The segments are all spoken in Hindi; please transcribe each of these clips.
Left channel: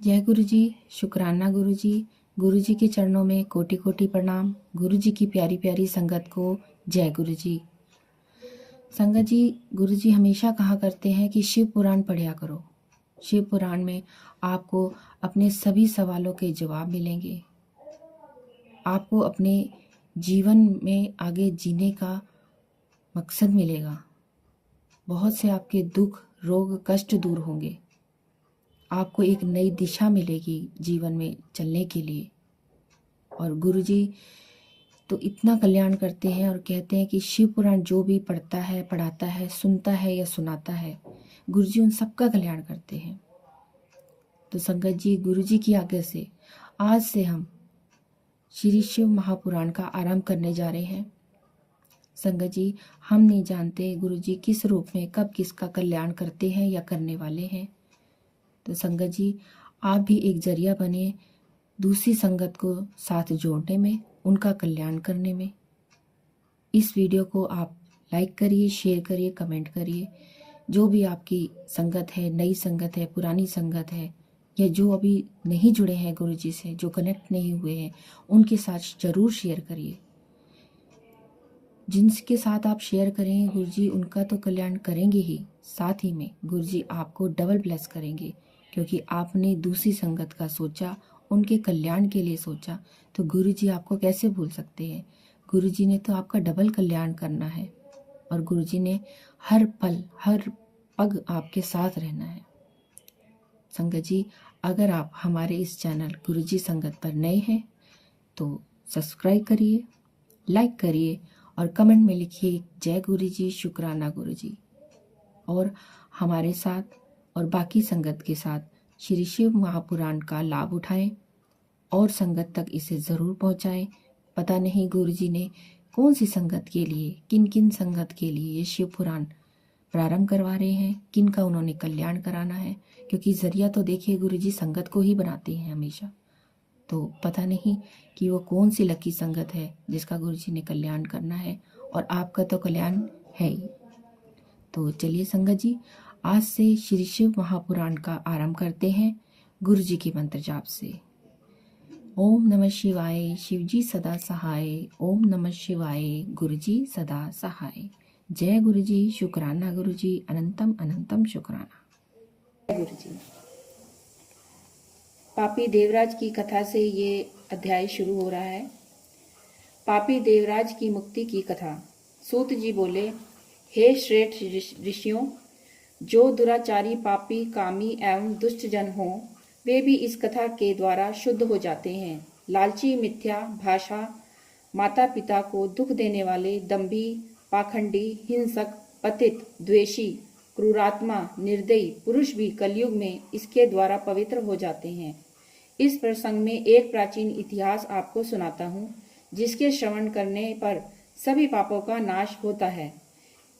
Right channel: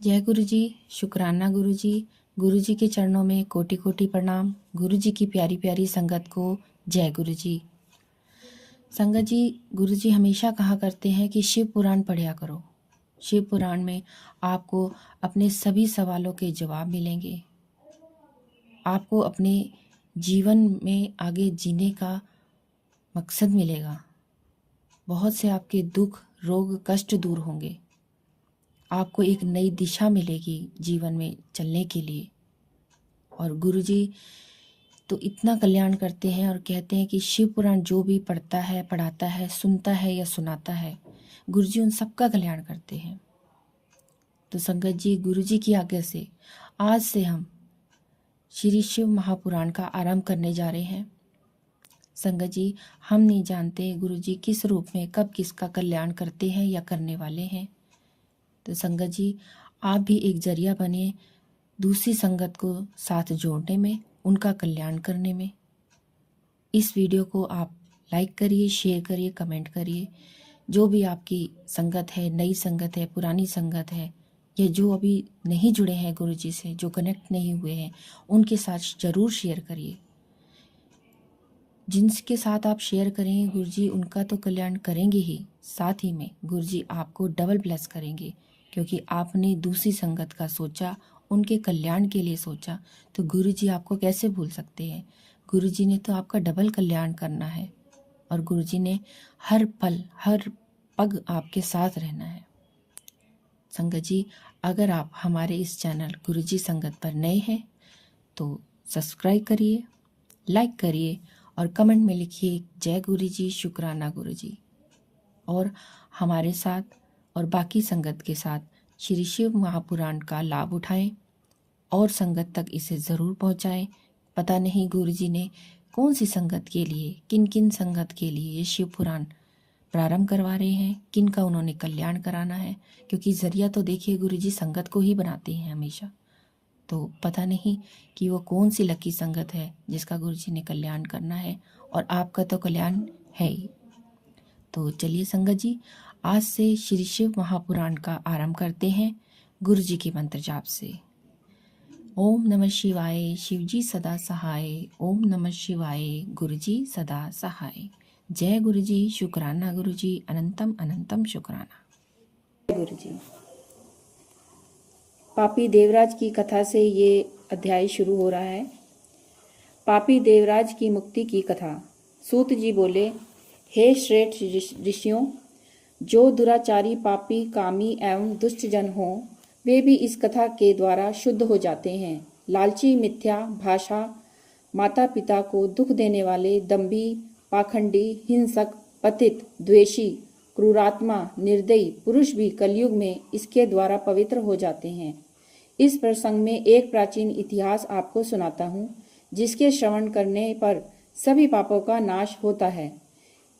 जय गुरु जी, शुक्राना गुरु जी। गुरु जी के चरणों में कोटि कोटि प्रणाम। गुरु जी की प्यारी प्यारी संगत को जय गुरु जी। संगत जी, गुरु जी हमेशा कहा करते हैं कि शिव पुराण पढ़ा करो। शिव पुराण में आपको अपने सभी सवालों के जवाब मिलेंगे। आपको अपने जीवन में आगे जीने का मकसद मिलेगा। बहुत से आपके दुख, रोग, कष्ट दूर होंगे। आपको एक नई दिशा मिलेगी जीवन में चलने के लिए। और गुरुजी तो इतना कल्याण करते हैं और कहते हैं कि शिव पुराण जो भी पढ़ता है, पढ़ाता है, सुनता है या सुनाता है, गुरुजी उन सबका कल्याण करते हैं। तो संगत जी, गुरुजी की आज्ञा से आज से हम श्री शिव महापुराण का आरंभ करने जा रहे हैं। संगत जी, हम नहीं जानते गुरुजी किस रूप में कब किसका कल्याण करते हैं या करने वाले हैं। तो संगत जी, आप भी एक जरिया बने दूसरी संगत को साथ जोड़ने में, उनका कल्याण करने में। इस वीडियो को आप लाइक करिए, शेयर करिए, कमेंट करिए। जो भी आपकी संगत है, नई संगत है, पुरानी संगत है, या जो अभी नहीं जुड़े हैं गुरुजी से, जो कनेक्ट नहीं हुए हैं, उनके साथ जरूर शेयर करिए। जिनके साथ आप शेयर करेंगे गुरुजी उनका तो कल्याण करेंगे ही, साथ ही में गुरुजी आपको डबल ब्लेस करेंगे, क्योंकि आपने दूसरी संगत का सोचा, उनके कल्याण के लिए सोचा। तो गुरुजी आपको कैसे भूल सकते हैं। गुरुजी ने तो आपका डबल कल्याण करना है और गुरुजी ने हर पल हर पग आपके साथ रहना है। संगत जी, अगर आप हमारे इस चैनल गुरुजी संगत पर नए हैं तो सब्सक्राइब करिए, लाइक करिए और कमेंट में लिखिए जय गुरु जी, शुक्राना गुरु जी। और हमारे साथ और बाकी संगत के साथ श्री शिव महापुराण का लाभ उठाएं और संगत तक इसे ज़रूर पहुंचाएं। पता नहीं गुरु जी ने कौन सी संगत के लिए, किन किन संगत के लिए ये शिव पुराण प्रारंभ करवा रहे हैं, किन का उन्होंने कल्याण कराना है, क्योंकि जरिया तो देखिए गुरु जी संगत को ही बनाते हैं हमेशा। तो पता नहीं कि वो कौन सी लकी संगत है जिसका गुरुजी ने कल्याण करना है, और आपका तो कल्याण है ही। तो चलिए संगत जी, आज से श्री शिव महापुराण का आरंभ करते हैं गुरुजी के मंत्र जाप से। ओम नमः शिवाय, शिवजी सदा सहाय। ओम नमः शिवाय, गुरुजी सदा सहाय। जय गुरुजी, शुक्राना गुरुजी, अनंतम अनंतम शुक्राना गुरुजी। पापी देवराज की कथा से ये अध्याय शुरू हो रहा है। पापी देवराज की मुक्ति की कथा। सूत जी बोले, हे श्रेष्ठ ऋषियों, जो दुराचारी, पापी, कामी एवं दुष्ट जन हों, वे भी इस कथा के द्वारा शुद्ध हो जाते हैं। लालची, मिथ्या भाषा, माता पिता को दुख देने वाले, दंभी, पाखंडी, हिंसक, पतित, द्वेषी, क्रूरात्मा, निर्दयी पुरुष भी कलयुग में इसके द्वारा पवित्र हो जाते हैं। इस प्रसंग में एक प्राचीन इतिहास आपको सुनाता हूँ, जिसके श्रवण करने पर सभी पापों का नाश होता है।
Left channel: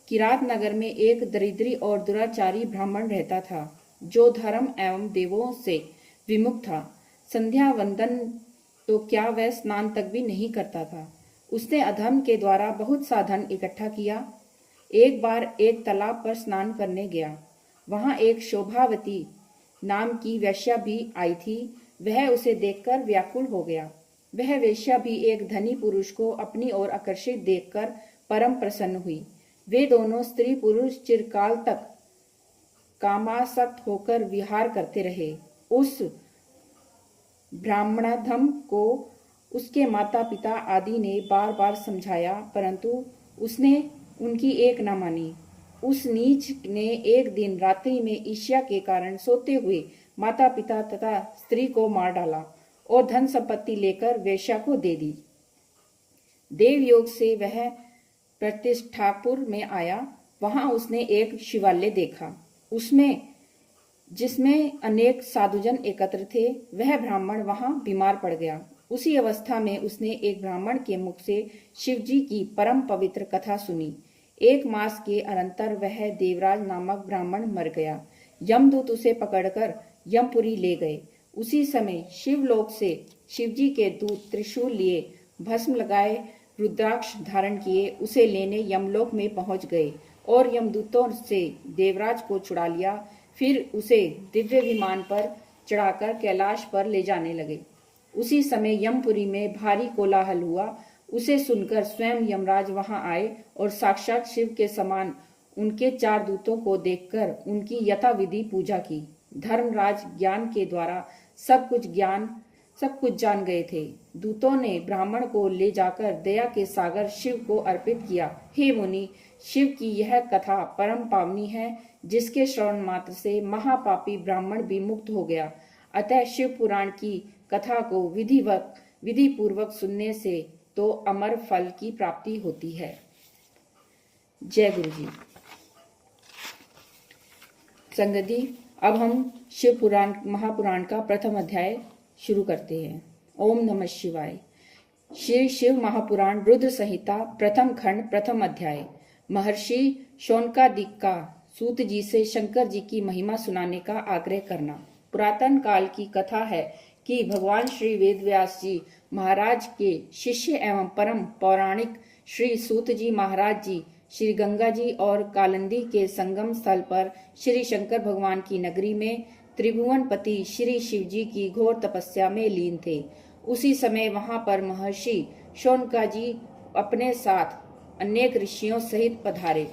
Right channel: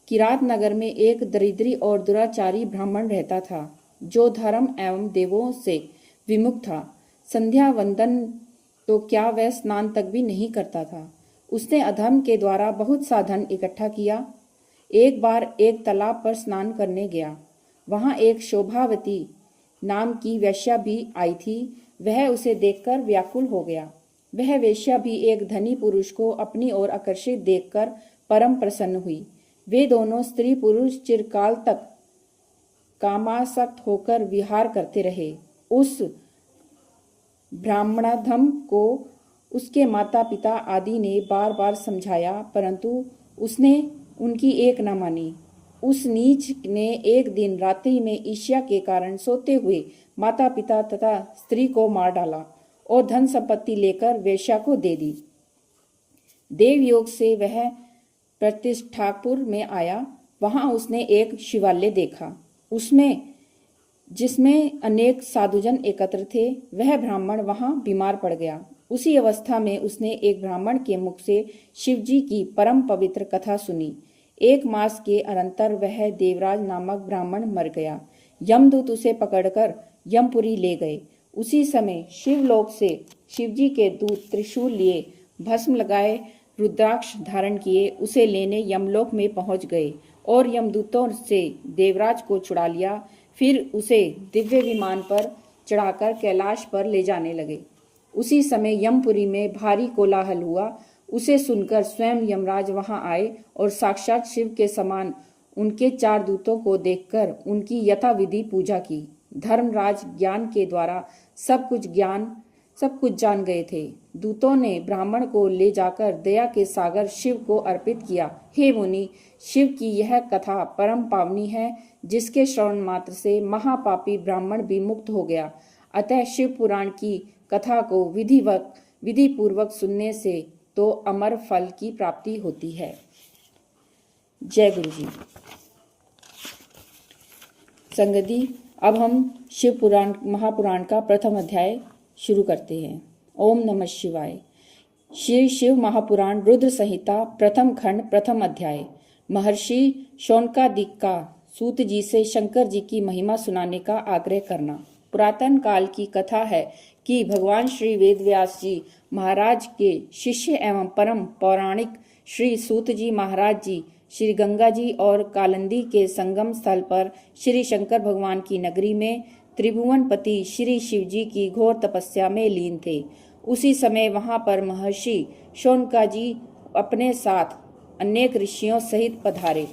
किरात नगर में एक दरिद्री और दुराचारी ब्राह्मण रहता था, जो धर्म एवं देवों से विमुख था। संध्या वंदन तो क्या, वह स्नान तक भी नहीं करता था। उसने अधर्म के द्वारा बहुत सा धन इकट्ठा किया। एक बार एक तालाब पर स्नान करने गया। वहां एक शोभावती नाम की वेश्या भी आई थी। वह उसे देखकर व्याकुल हो गया। वह वेश्या भी एक धनी पुरुष को अपनी ओर आकर्षित देखकर परम प्रसन्न हुई। वे दोनों स्त्री पुरुष चिरकाल तक कामासक्त होकर विहार करते रहे। उस ब्राह्मणाधम को उसके माता पिता आदि ने बार बार समझाया, परंतु उसने उनकी एक न मानी। उस नीच ने एक दिन रात्रि में ईर्ष्या के कारण सोते हुए माता पिता तथा स्त्री को मार डाला और धन संपत्ति लेकर वेश्या को दे दी। देवयोग से वह प्रतिष्ठापुर में आया। वहां उसने एक शिवालय देखा, जिसमें अनेक साधुजन एकत्र थे। वह ब्राह्मण वहां बीमार पड़ गया। उसी अवस्था में उसने एक ब्राह्मण के मुख से शिवजी की परम पवित्र कथा सुनी। 1 मास के अनंतर वह देवराज नामक ब्राह्मण मर गया। यमदूत उसे पकड़कर यमपुरी ले गए। उसी समय शिवलोक से शिवजी के दूत त्रिशूल लिए, भस्म लगाए, रुद्राक्ष धारण किए, उसे लेने यमलोक में पहुंच गए और यमदूतों से देवराज को छुड़ा लिया। फिर उसे दिव्य विमान पर चढ़ाकर कैलाश पर ले जाने लगे। उसी समय यमपुरी में भारी कोलाहल हुआ। उसे सुनकर स्वयं यमराज वहां आए और साक्षात शिव के समान उनके 4 दूतों को देखकर उनकी यथाविधि पूजा की। धर्मराज ज्ञान के द्वारा सब कुछ जान गए थे। दूतों ने ब्राह्मण को ले जाकर दया के सागर शिव को अर्पित किया। हे मुनि, शिव की यह कथा परम पावनी है, जिसके श्रवण मात्र से महापापी ब्राह्मण भी मुक्त हो गया। अतः शिव पुराण की कथा को विधि पूर्वक सुनने से तो अमर फल की प्राप्ति होती है। जय गुरु जी। संगत जी, अब हम शिव पुराण महापुराण का प्रथम अध्याय शुरू करते हैं। ओम नमः शिवाय। श्री शिव महापुराण रुद्र संहिता प्रथम खंड प्रथम अध्याय। महर्षि शौनकादिक का सूत जी से शंकर जी की महिमा सुनाने का आग्रह करना। पुरातन काल की कथा है कि भगवान श्री वेदव्यास जी महाराज के शिष्य एवं परम पौराणिक श्री सूत जी महाराज जी श्री गंगा जी और कालिंदी के संगम स्थल पर श्री शंकर भगवान की नगरी में त्रिभुवनपति श्री शिव जी की घोर तपस्या में लीन थे। उसी समय वहां पर महर्षि शौनका जी अपने साथ अनेक ऋषियों सहित पधारे।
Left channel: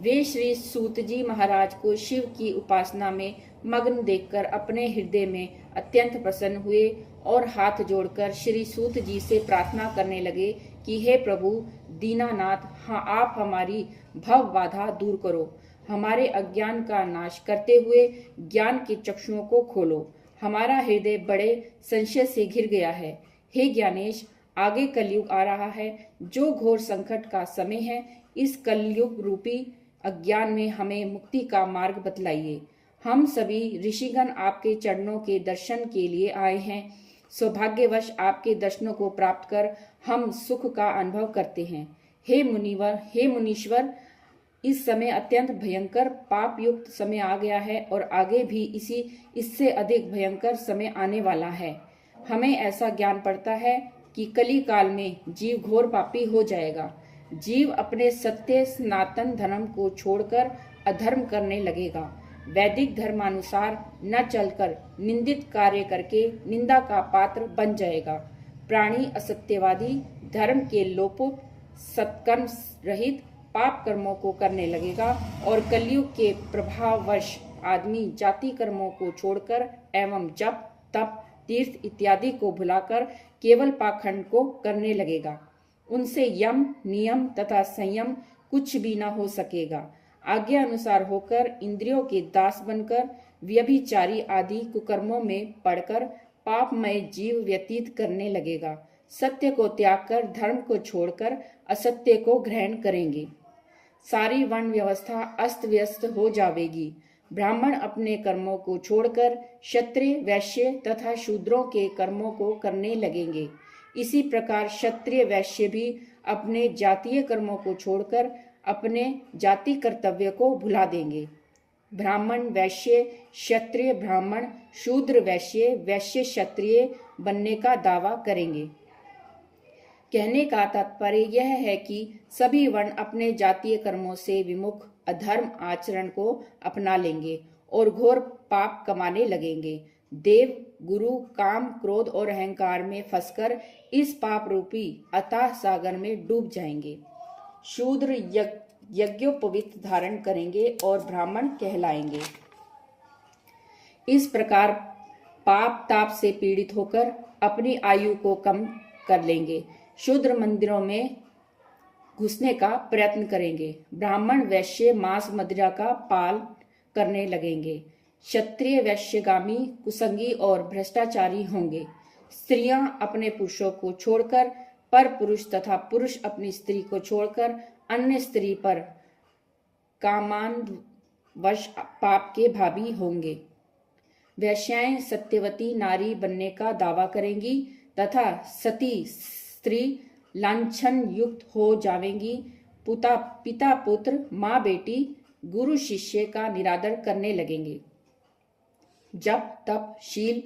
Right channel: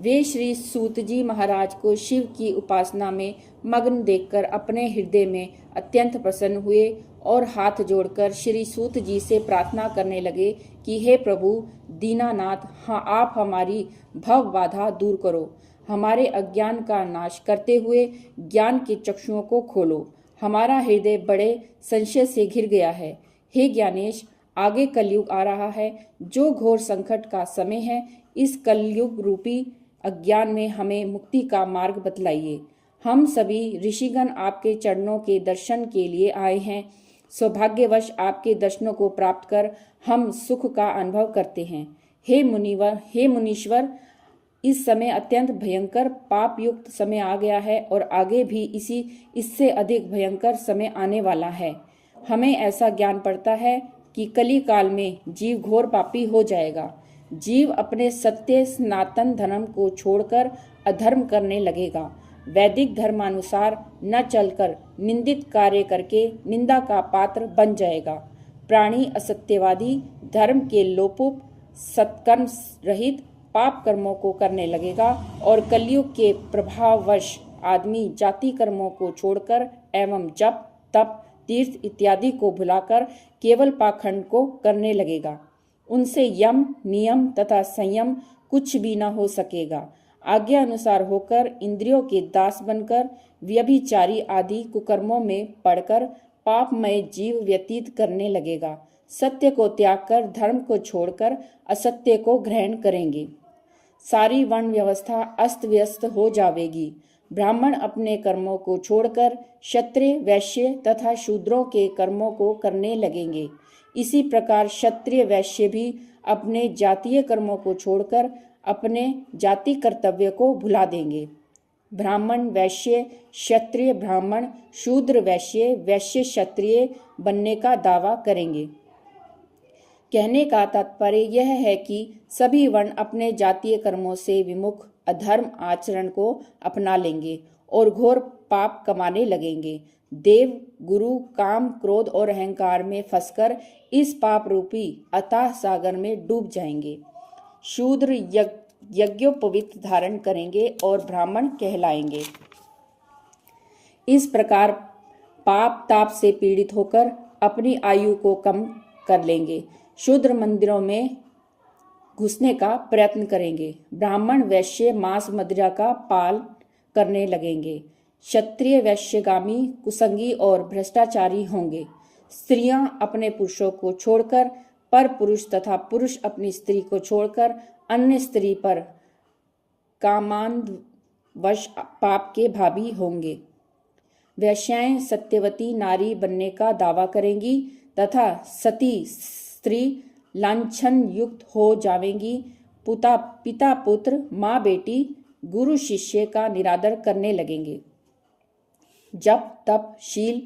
वे श्री सूत जी महाराज को शिव की उपासना में मग्न देखकर अपने हृदय में अत्यंत प्रसन्न हुए और हाथ जोड़कर श्री सूत जी से प्रार्थना करने लगे कि हे प्रभु दीनानाथ, हाँ, आप हमारी भव बाधा दूर करो, हमारे अज्ञान का नाश करते हुए ज्ञान के चक्षुओं को खोलो। हमारा हृदय बड़े संशय से घिर गया है। हे ज्ञानेश, आगे कलयुग आ रहा है, जो घोर संकट का समय है। इस कलयुग रूपी अज्ञान में हमें मुक्ति का मार्ग बतलाइए। हम सभी ऋषिगण आपके चरणों के दर्शन के लिए आए हैं। सौभाग्यवश आपके दर्शनों को प्राप्त कर हम सुख का अनुभव करते हैं। हे मुनीश्वर, इस समय अत्यंत भयंकर पाप युक्त समय आ गया है और आगे भी इससे अधिक भयंकर समय आने वाला है। हमें ऐसा ज्ञान पड़ता है कि कली काल में जीव घोर पापी हो जाएगा। जीव अपने सत्य सनातन धर्म को छोड़कर अधर्म करने लगेगा। वैदिक धर्मानुसार न चलकर निंदित कार्य करके निंदा का पात्र बन जाएगा। प्राणी असत्यवादी धर्म के लोपुप सत्कर्म रहित पाप कर्मों को करने लगेगा और कलयुग के प्रभाववश आदमी जाति कर्मों को छोड़कर एवं जप तप तीर्थ इत्यादि को भुलाकर केवल पाखंड को करने लगेगा। उनसे यम नियम तथा संयम कुछ भी न हो सकेगा। आज्ञा अनुसार होकर इंद्रियों के दास बनकर व्यभिचारी आदि कुकर्मों में पड़कर पापमय जीव व्यतीत करने लगेगा। सत्य को त्याग कर धर्म को छोड़कर असत्य को ग्रहण करेंगे। सारी वर्ण व्यवस्था अस्त व्यस्त हो जाएगी। ब्राह्मण अपने कर्मों को छोड़कर क्षत्रिय वैश्य तथा शूद्रों के कर्मों को करने लगेंगे। इसी प्रकार क्षत्रिय वैश्य भी अपने जातीय कर्मों को छोड़कर अपने जाति कर्तव्य को भुला देंगे। ब्राह्मण वैश्य क्षत्रिय ब्राह्मण शूद्र वैश्य वैश्य क्षत्रिय बनने का दावा करेंगे। कहने का तात्पर्य यह है कि सभी वर्ण अपने जातीय कर्मों से विमुख अधर्म आचरण को अपना लेंगे और घोर पाप कमाने लगेंगे। देव गुरु काम क्रोध और अहंकार में फंसकर इस पाप रूपी अथाह सागर में डूब जाएंगे। शूद्र यज्ञोपवीत धारण करेंगे और ब्राह्मण कहलाएंगे। इस प्रकार पाप ताप से पीड़ित होकर अपनी आयु को कम कर लेंगे। शूद्र मंदिरों में घुसने का प्रयत्न करेंगे। ब्राह्मण वैश्य मांस मदिरा का पाल करने लगेंगे। क्षत्रिय वैश्यगामी कुसंगी और भ्रष्टाचारी होंगे। स्त्रियां अपने पुरुषों को छोड़कर पर पुरुष तथा पुरुष अपनी स्त्री को छोड़कर अन्य स्त्री पर कामांधवश पाप के भागी होंगे। वैश्याएं सत्यवती नारी बनने का दावा करेंगी तथा सती स्त्री लांछन युक्त हो जावेंगी। पिता पुत्र माँ बेटी गुरु शिष्य का निरादर करने लगेंगे। जब तप शील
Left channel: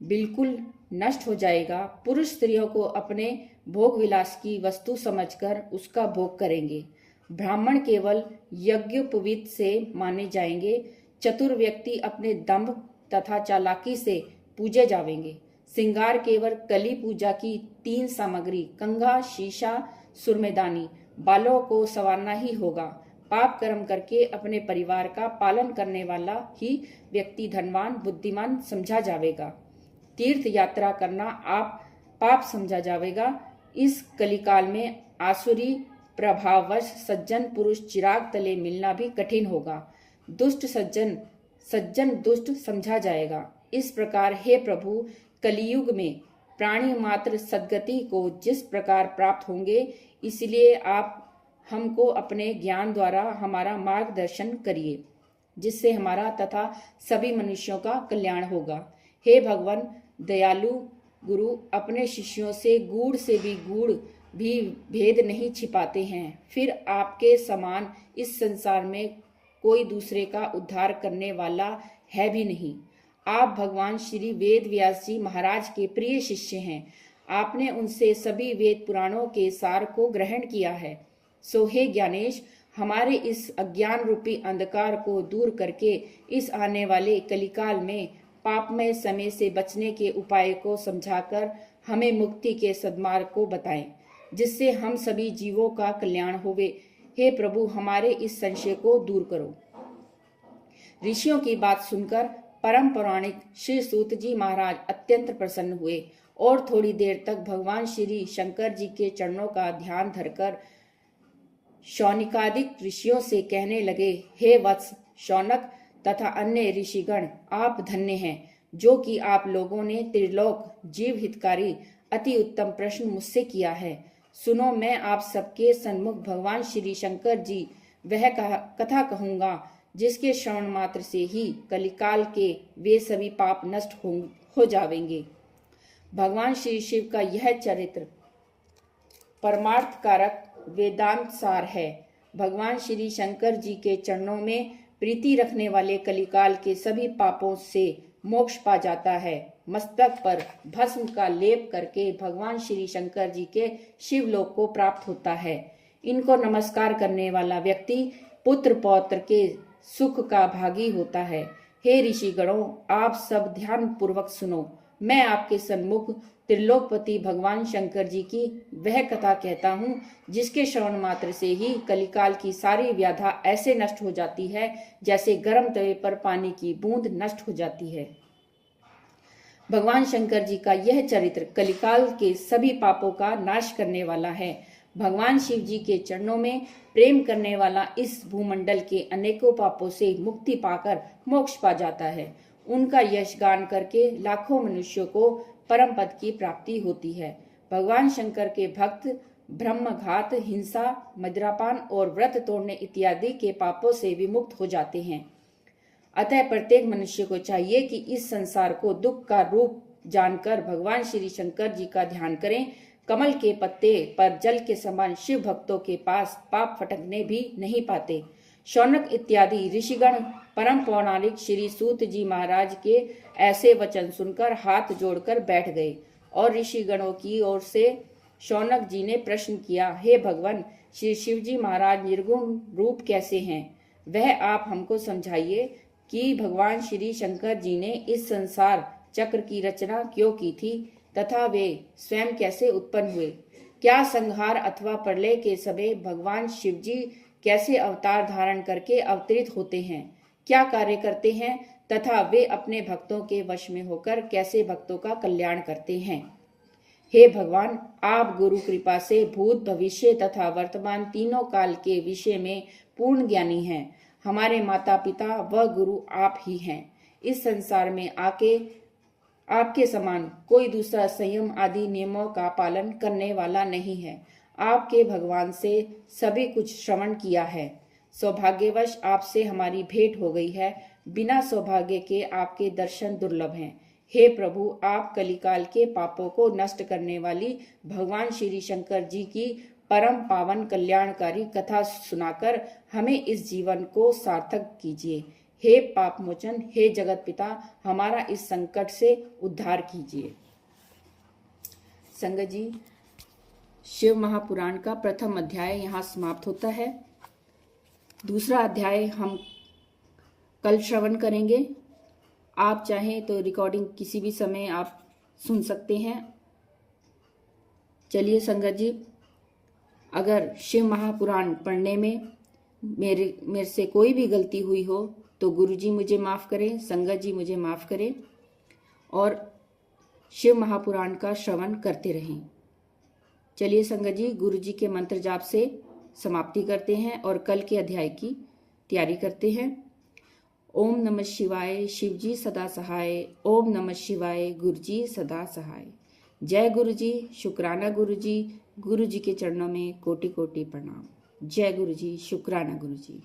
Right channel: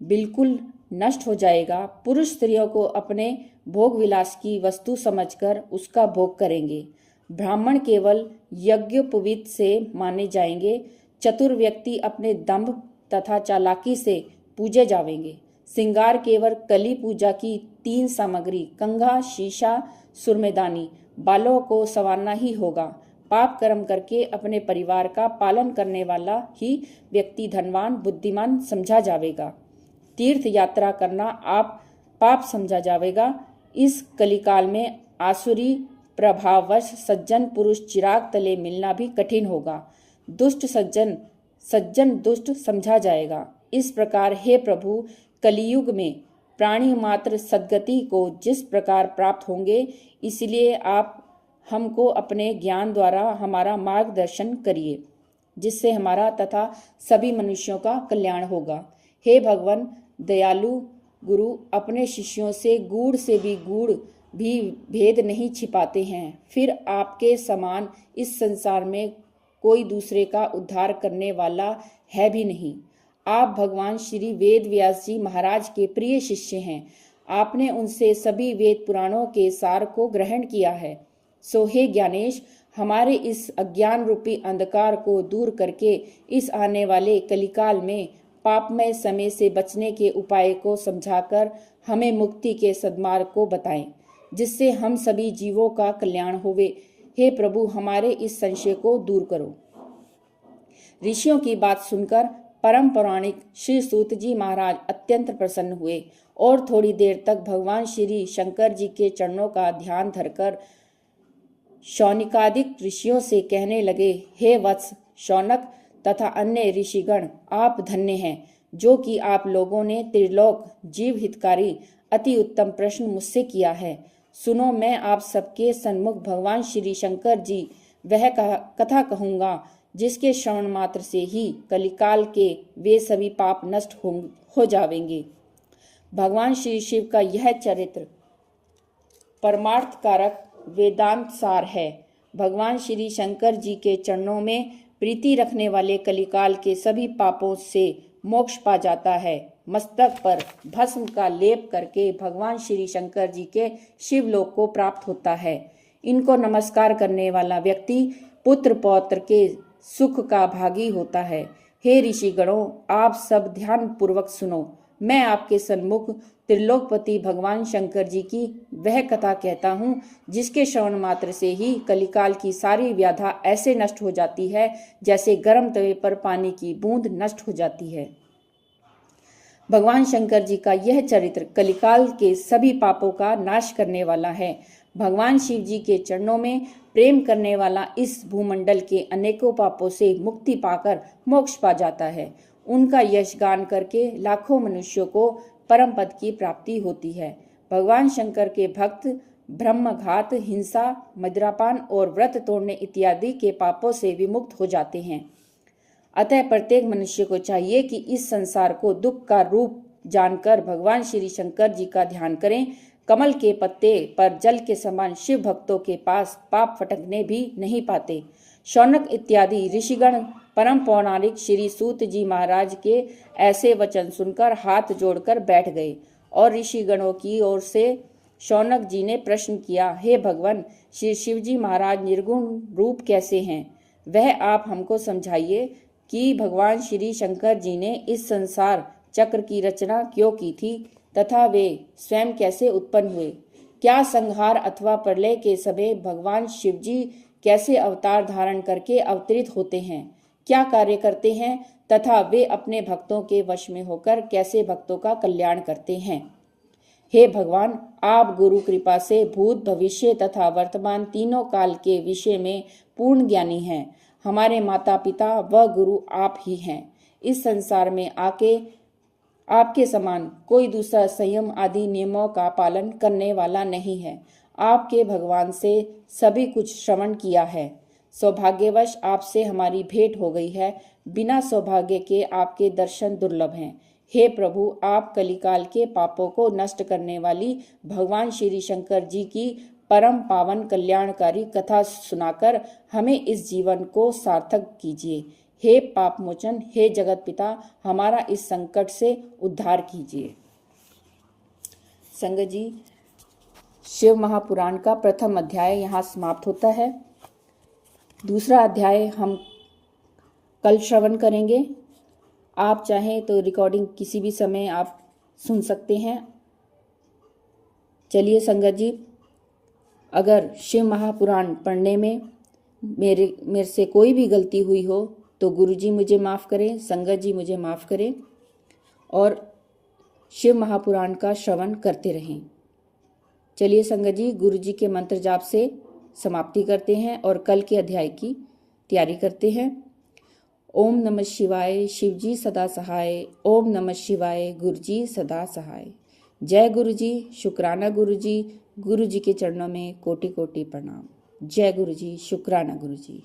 बिल्कुल नष्ट हो जाएगा। पुरुष स्त्रियों को अपने भोग विलास की वस्तु समझकर उसका भोग करेंगे। ब्राह्मण केवल यज्ञोपवीत से माने जाएंगे। चतुर व्यक्ति अपने दंभ तथा चालाकी से पूजे जावेंगे। श्रृंगार केवल कली पूजा की 3 सामग्री कंघा, शीशा, सुरमेदानी, बालों को संवारना ही होगा। पाप कर्म करके अपने परिवार का पालन करने वाला ही व्यक्ति धनवान, बुद्धिमान समझा जावेगा। तीर्थ यात्रा करना आप पाप समझा जावेगा। इस कलिकाल में आसुरी प्रभाववश सज्जन पुरुष चिराग तले मिलना भी कठिन होगा। दुष्ट सज्जन, सज्जन दुष्ट समझा जाएगा। इस प्रकार हे प्रभु, कलियुग में प्राणी मात्र सद्गति को जिस प्रकार प्राप्त होंगे, इसलिए आप हमको अपने ज्ञान द्वारा हमारा मार्गदर्शन करिए, जिससे हमारा तथा सभी मनुष्यों का कल्याण होगा। हे भगवान दयालु गुरु, अपने शिष्यों से गूढ़ से भी गूढ़ भी भेद नहीं छिपाते हैं, फिर आपके समान इस संसार में कोई दूसरे का उद्धार करने वाला है भी नहीं। आप भगवान श्री वेद व्यास जी महाराज के प्रिय शिष्य हैं। आपने उनसे सभी वेद पुराणों के सार को ग्रहण किया है। सो हे ज्ञानेश, हमारे इस अज्ञान रूपी अंधकार को दूर करके इस आने वाले कलिकाल में पापमय समय से बचने के उपाय को समझाकर हमें मुक्ति के सद्मार्ग को बताएं, जिससे हम सभी जीवों का कल्याण होवे। हे प्रभु, हमारे इस संशय को दूर करो। ऋषियों की बात सुनकर परम पौराणिक श्री सूत जी महाराज अत्यंत प्रसन्न हुए और थोड़ी देर तक भगवान श्री शंकर जी के चरणों का ध्यान धरकर शौनिकादिक ऋषियों से कहने लगे, हे वत्स शौनक तथा अन्य ऋषिगण, आप धन्य हैं, जो कि आप लोगों ने त्रिलोक जीव हितकारी अति उत्तम प्रश्न मुझसे किया है। सुनो, मैं आप सबके सन्मुख भगवान श्री शंकर जी वह कथा कहूंगा, जिसके श्रवण मात्र से ही कलिकाल के वे सभी पाप नष्ट हो जावेंगे। भगवान श्री शिव का यह चरित्र परमार्थ कारक वेदांत सार है। भगवान श्री शंकर जी के चरणों में प्रीति रखने वाले कलिकाल के सभी पापों से मोक्ष पा जाता है। मस्तक पर भस्म का लेप करके भगवान श्री शंकर जी के शिवलोक को प्राप्त होता है। इनको नमस्कार करने वाला व्यक्ति पुत्र पौत्र के सुख का भागी होता है। हे ऋषिगणों, आप सब ध्यान पूर्वक सुनो। मैं आपके सन्मुख त्रिलोकपति भगवान शंकर जी की वह कथा कहता हूँ, जिसके श्रवण मात्र से ही कलिकाल की सारी व्याधा ऐसे नष्ट हो जाती है जैसे गर्म तवे पर पानी की बूंद नष्ट हो जाती है। भगवान शंकर जी का यह चरित्र कलिकाल के सभी पापों का नाश करने वाला है। भगवान शिव जी के चरणों में प्रेम करने वाला इस भूमंडल के अनेकों पापों से मुक्ति पाकर मोक्ष पा जाता है। उनका यश गान करके लाखों मनुष्यों को परम पद की प्राप्ति होती है। भगवान शंकर के भक्त ब्रह्मघात, हिंसा, मदिरापान और व्रत तोड़ने इत्यादि के पापों से विमुक्त हो जाते हैं। अतः प्रत्येक मनुष्य को चाहिए कि इस संसार को दुख का रूप जानकर भगवान श्री शंकर जी का ध्यान करें। कमल के पत्ते पर जल के समान शिव भक्तों के पास पाप फटकने भी नहीं पाते। शौनक इत्यादि ऋषिगण परम पौराणिक श्री सूत जी महाराज के ऐसे वचन सुनकर हाथ जोड़कर बैठ गए और ऋषिगणों की ओर से शौनक जी ने प्रश्न किया, हे भगवान, श्री शिव जी महाराज निर्गुण रूप कैसे हैं? वह आप हमको समझाइए कि भगवान श्री शंकर जी ने इस संसार चक्र की रचना क्यों की थी तथा वे स्वयं कैसे उत्पन्न हुए? क्या संहार अथवा प्रलय के समय भगवान शिव जी कैसे अवतार धारण करके अवतरित होते हैं? क्या कार्य करते हैं तथा वे अपने भक्तों के वश में होकर कैसे भक्तों का कल्याण करते हैं? हे भगवान, आप गुरु कृपा से भूत, भविष्य तथा वर्तमान तीनों काल के विषय में पूर्ण ज्ञानी हैं। हमारे माता पिता व गुरु आप ही हैं। इस संसार में आके आपके समान कोई दूसरा संयम आदि नियमों का पालन करने वाला नहीं है। आपके भगवान से सभी कुछ श्रवण किया है। सौभाग्यवश आपसे हमारी भेंट हो गई है। बिना सौभाग्य के आपके दर्शन दुर्लभ हैं। हे प्रभु, आप कलिकाल के पापों को नष्ट करने वाली भगवान श्री शंकर जी की परम पावन कल्याणकारी कथा सुनाकर हमें इस जीवन को सार्थक कीजिए। हे पाप मोचन, हे जगत पिता, हमारा इस संकट से उद्धार कीजिए। संगत जी, शिव महापुराण का प्रथम अध्याय यहाँ समाप्त होता है। दूसरा अध्याय हम कल श्रवण करेंगे। आप चाहें तो रिकॉर्डिंग किसी भी समय आप सुन सकते हैं। चलिए संगत जी, अगर शिव महापुराण पढ़ने में मेरे से कोई भी गलती हुई हो तो गुरु जी मुझे माफ़ करें, संगत जी मुझे माफ़ करें और शिव महापुराण का श्रवण करते रहें। चलिए संगत जी, गुरु जी के मंत्र जाप से समाप्ति करते हैं और कल के अध्याय की तैयारी करते हैं। ओम नमः शिवाय, शिव जी सदा सहाय। ओम नमः शिवाय, गुरु जी सदा सहाय। जय गुरु जी, शुक्राना गुरु जी। गुरु जी के चरणों में कोटि कोटि प्रणाम। जय गुरु जी, शुक्राना गुरु जी।